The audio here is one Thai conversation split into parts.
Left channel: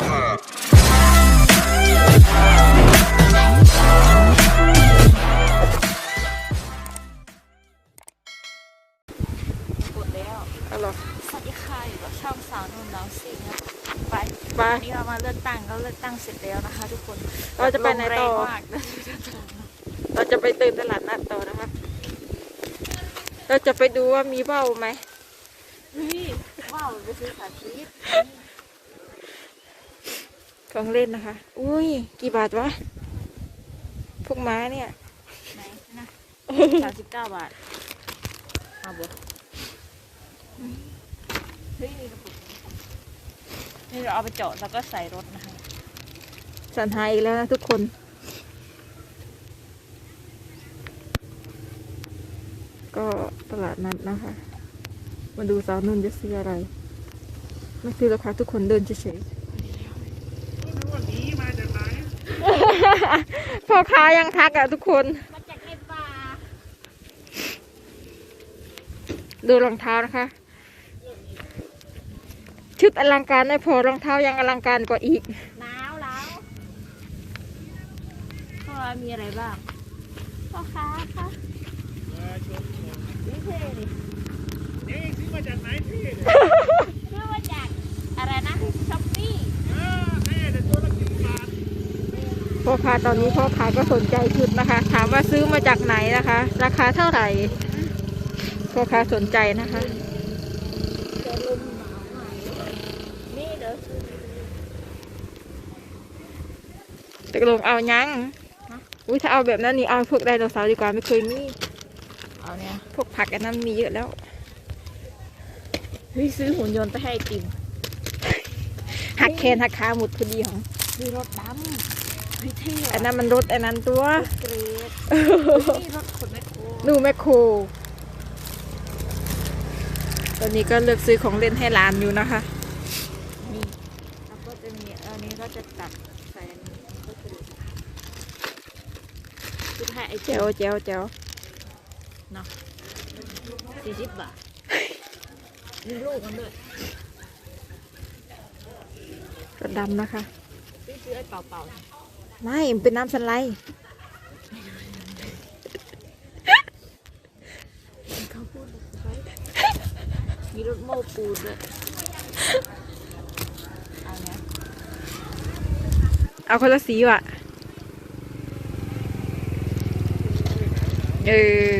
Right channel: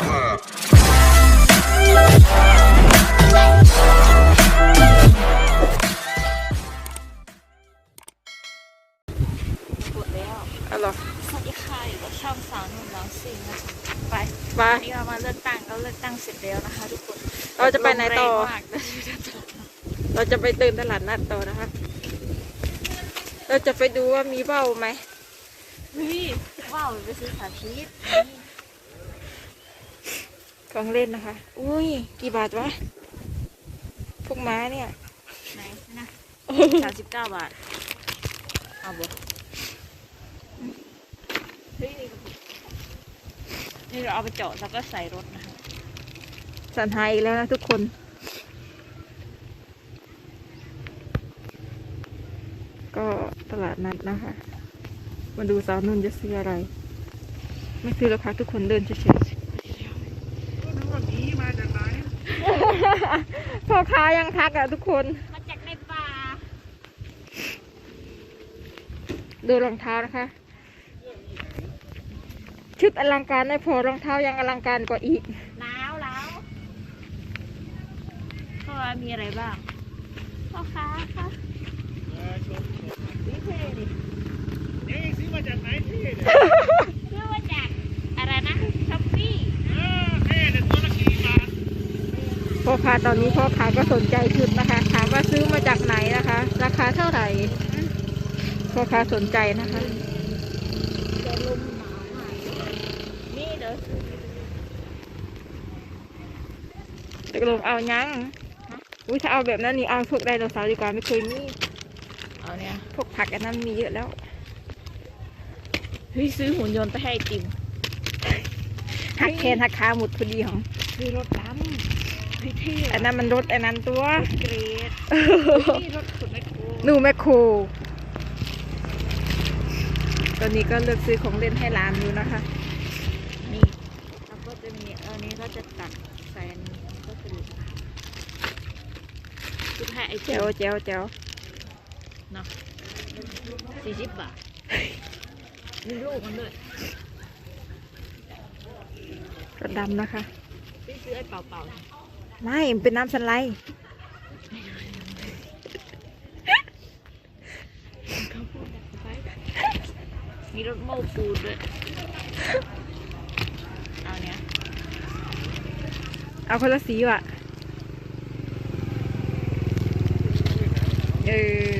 กดแล้วเอาเหรอสวัสดีค่ะอยู่กับช่องสาวนุ่นน้องซิงนะคะไปไปวันนี้เรามาเลือกตั้งก็เลือกตั้งเสร็จแล้วนะคะ ทุกคนเราจะไปไหนต่อ ลมแรงมากเลยเราจะไปเติมตลาดนัดต่อนะคะ เราจะไปดูว่ามีเบ้าไหมเฮ้ยว้าวไปซื้อขาชีส ของเล่นนะคะ อุ้ย กี่บาทวะ พวกม้าเนี่ย ไหนนะสามสิบเก้าบาท เอาบ่เฮ้ยนี่กระปุกนี่เราเอาไปเจาะแล้วก็ใส่รถนะคะสันหายอีกแล้วนะทุกคน ก็ตลาดนัดนะคะ มาดูสาวนุ่นจะซื้ออะไร ไม่ซื้อแล้วค่ะทุกคนเดินเฉย พ่อค้ายังทักอะทุกคน มาจากในป่า ดูรองเท้านะคะ ชุดอลังการไม่พอรองเท้ายังอลังการกว่าอีกหนาวแล้วพ่อมีอะไรบ้าง พ่อค้าคะนี่เท่ดิซื้อมาจากอะไรนะช้อปปี้ พ่อค้าตอนนี้พ่อค้าก็สนใจชุดนะคะถามว่าซื้อมาจากไหนนะคะ ราคาเท่าไหร่พ่อค้าสนใจนะคะแต่ลมหนาวมากนี่เดี๋ยวซื้อตกลงเอายังฮะอุ้ยถ้าเอาแบบนั้นนี่เอาพวกไดโนเสาร์ดีกว่าไม่เคยมีเอาเนี่ยพวกผักอันนั้นมีเยอะแล้วเฮ้ยซื้อหุ่นยนต์ไปให้ไอติมหักแขนหักขาหมดพอดีของซื้อรถดำเฮ้ยเท่ อันนั้นมันรถอันนั้นตัวเกรดนี่รถขุดไม่โคหนูแมคโครตอนนี้ก็เลือกซื้อของเล่นให้หลานอยู่นะคะ นี่แล้วก็จะมีอันนี้ก็จะตัดแฟนก็จะดูซื้อให้ไอแจติวมแจวแจวเนาะสี่สิบบาทมีลูกมันด้วยรถดำนะคะซื้อซื้อไอ้เป่าๆ ไม่มันเป็นน้ำสไลด์เขาพูดแบบไปมีรถโม้ปูนด้วยเอาเนี้ยเอาคนละสีว่ะ เอ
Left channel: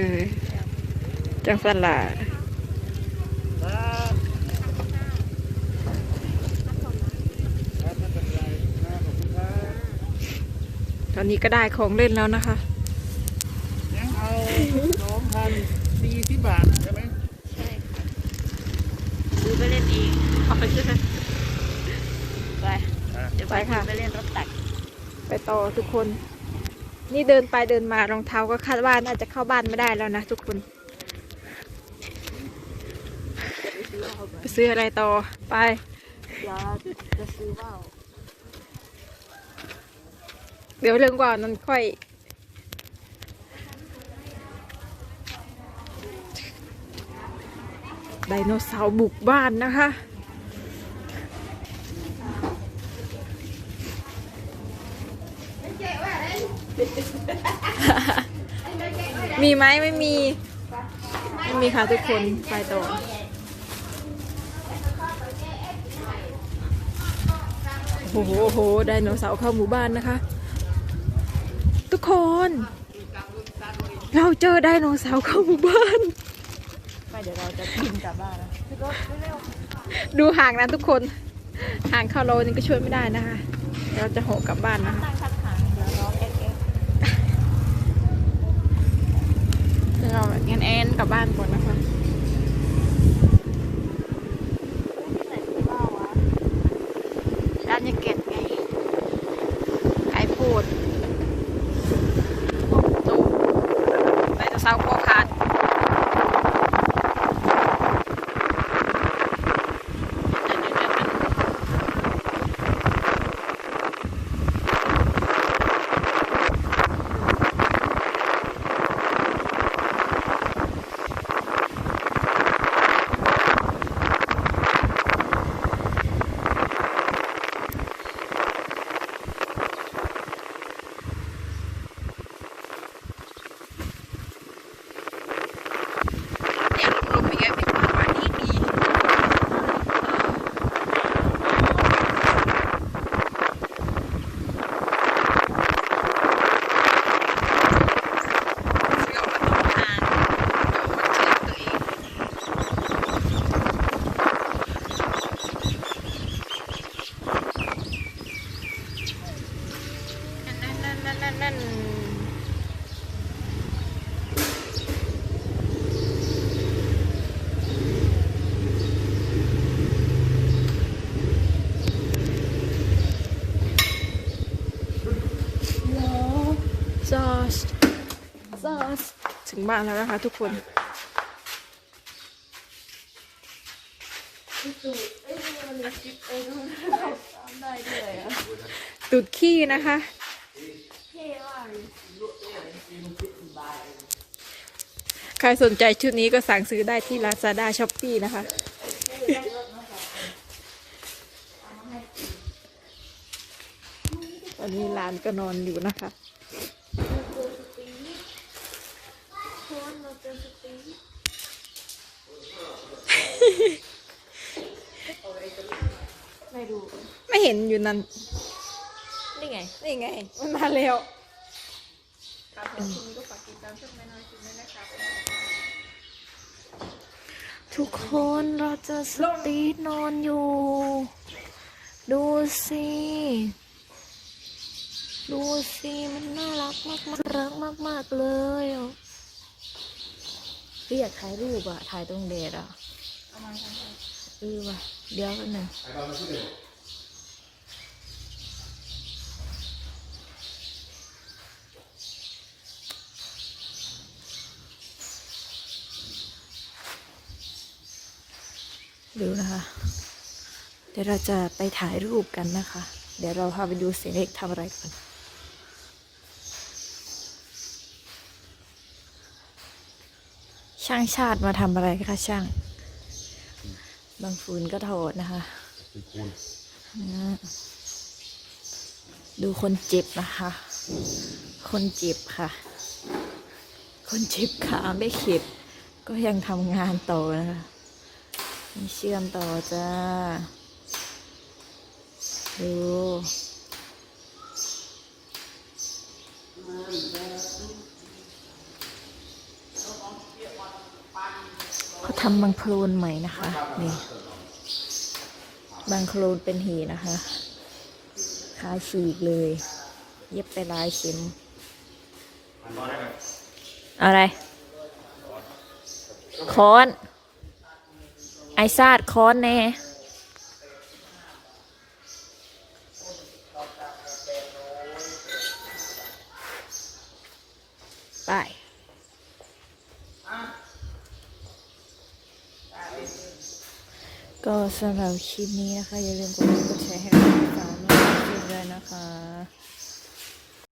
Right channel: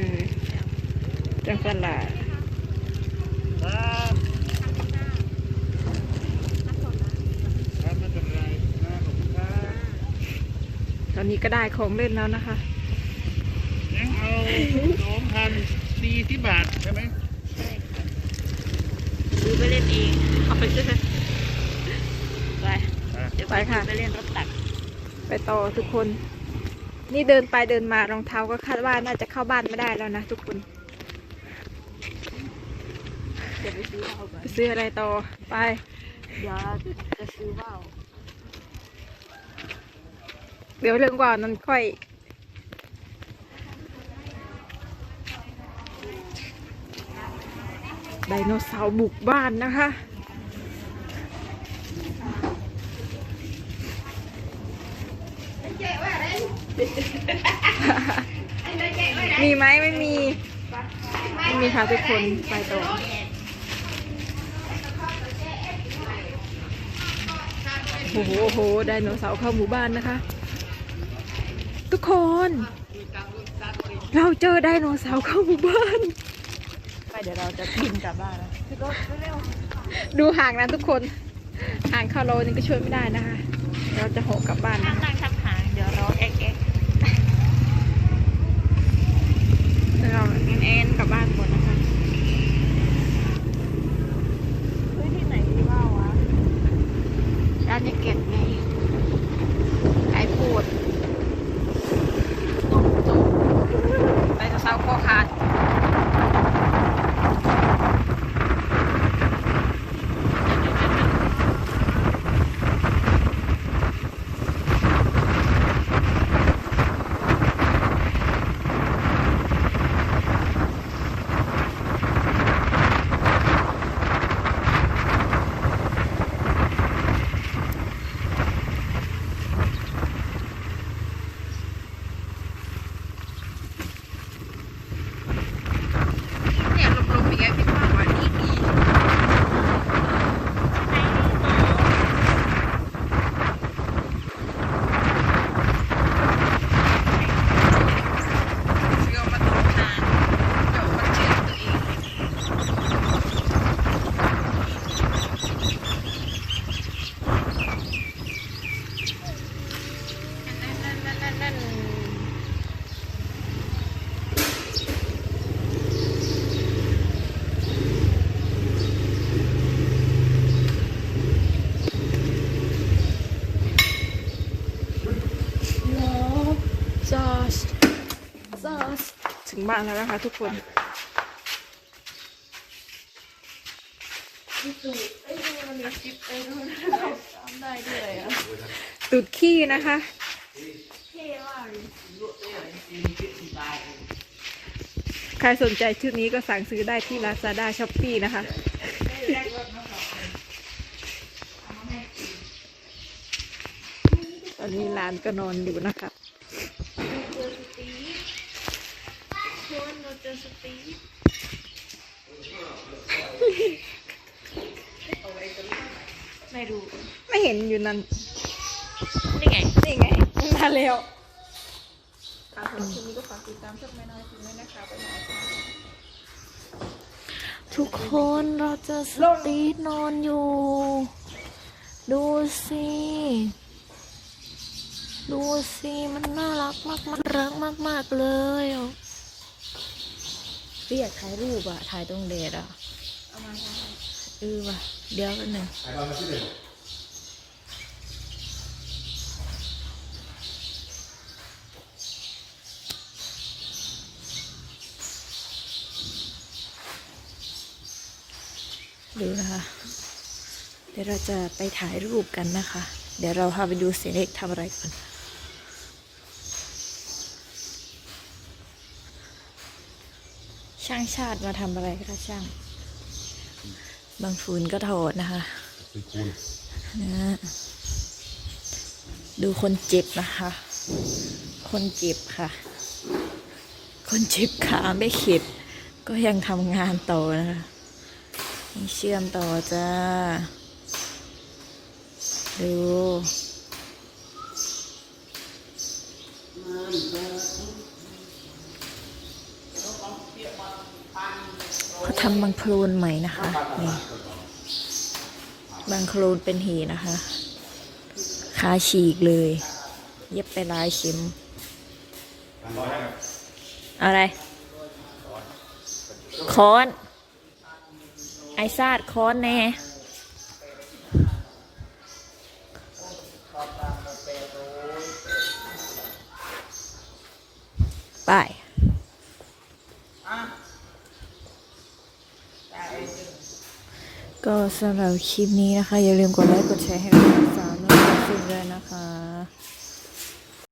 อจังสลัดต อนนี้ก็ได้ของเล่นแล้วนะคะ ยังเอาสองพันสี่สิบบาทใช่ไหมซื้อไปเล่นเองเอาไปซื้อไปอะเดี๋ยวไปค่ะไปเล่นรถตัก ไปต่อทุกคน นี่เดินไปเดินมารองเท้าก็คาดว่าน่าจะเข้าบ้านไม่ได้แล้วนะทุกคนเดี๋ยวไปซื้อว่าวก่อนไปซื้ออะไรต่อไปเดี๋ยวจะซื้อว่าว เดี๋ยวเรื่องกว่านั้นค่อย ไดโนเสาร์บุกบ้านนะคะมีไหมไม่มี ไม่มีค่ะทุกคนไปต่อโอ้โหโหไดโนเสาร์เข้าหมู่บ้านนะคะ ทุกคน เราเจอไดโนเสาร์เข้าหมู่บ้านไปเดี๋ยวเราจะบินกลับบ้านนะขึ้นรถเร็วดูห่างนะทุกคน ห่างเข้าโลนี่ก็ช่วยไม่ได้นะคะ เราจะหกกลับบ้านๆห้านะมนั่งทับหางเดี๋ยวรอเอ็กเอ็กเรางั้นแอนกลับบ้านก่อนนะคะเฮ้ยที่ไหนมีว่าววะอันนี้เก็บไงไอโฟดไดโนเสาร์คอขาด งบ้านแล้วนะคะ ทุกคนตุดขี้นะคะใครสนใจชุดนี้ก็สั่งซื้อได้ที่ Lazada s h o p e e นะคะ ตอนนี้ร้านก็นอนอยู่นะคะ ไม่รู้ไม่เห็นอยู่นั่นนี่ไงนี่ไงมันมาแล้วทุกคนเราเจอสตีทนอนอยู่ ดูสิ ดูสิ มันน่ารักมากมากรักมากมากๆเลยอะพี่อยากถ่ายรูปอะถ่ายตรงเดทอะ เออว่ะเดี๋ยวกันหนึ่งดูนะคะ เดี๋ยวเราจะไปถ่ายรูปกันนะคะ เดี๋ยวเราพาไปดูเสียเล็กทำอะไรก่อนช่างชาติมาทำอะไรคะช่าง บางฟืนก็ถอดนะคะนะดูคนเจ็บนะคะ คนเจ็บค่ะ คนเจ็บขาไม่เข็ด ก็ยังทำงานต่อนะคะนี่เชื่อมต่อจ้า ดูเข ทำบางโคลนใหม่นะคะ นี่ บางโคลนเป็นหีนะคะขาฉีกเลย เย็บไปหลายเข็ม อะไร ค้อน ไอซาดค้อนแน่ไป ก็ สำหรับคลิปนี้นะคะ อย่าลืมกดไลค์กดแชร์ให้เราทั้งสามและทุด้วยนะคะ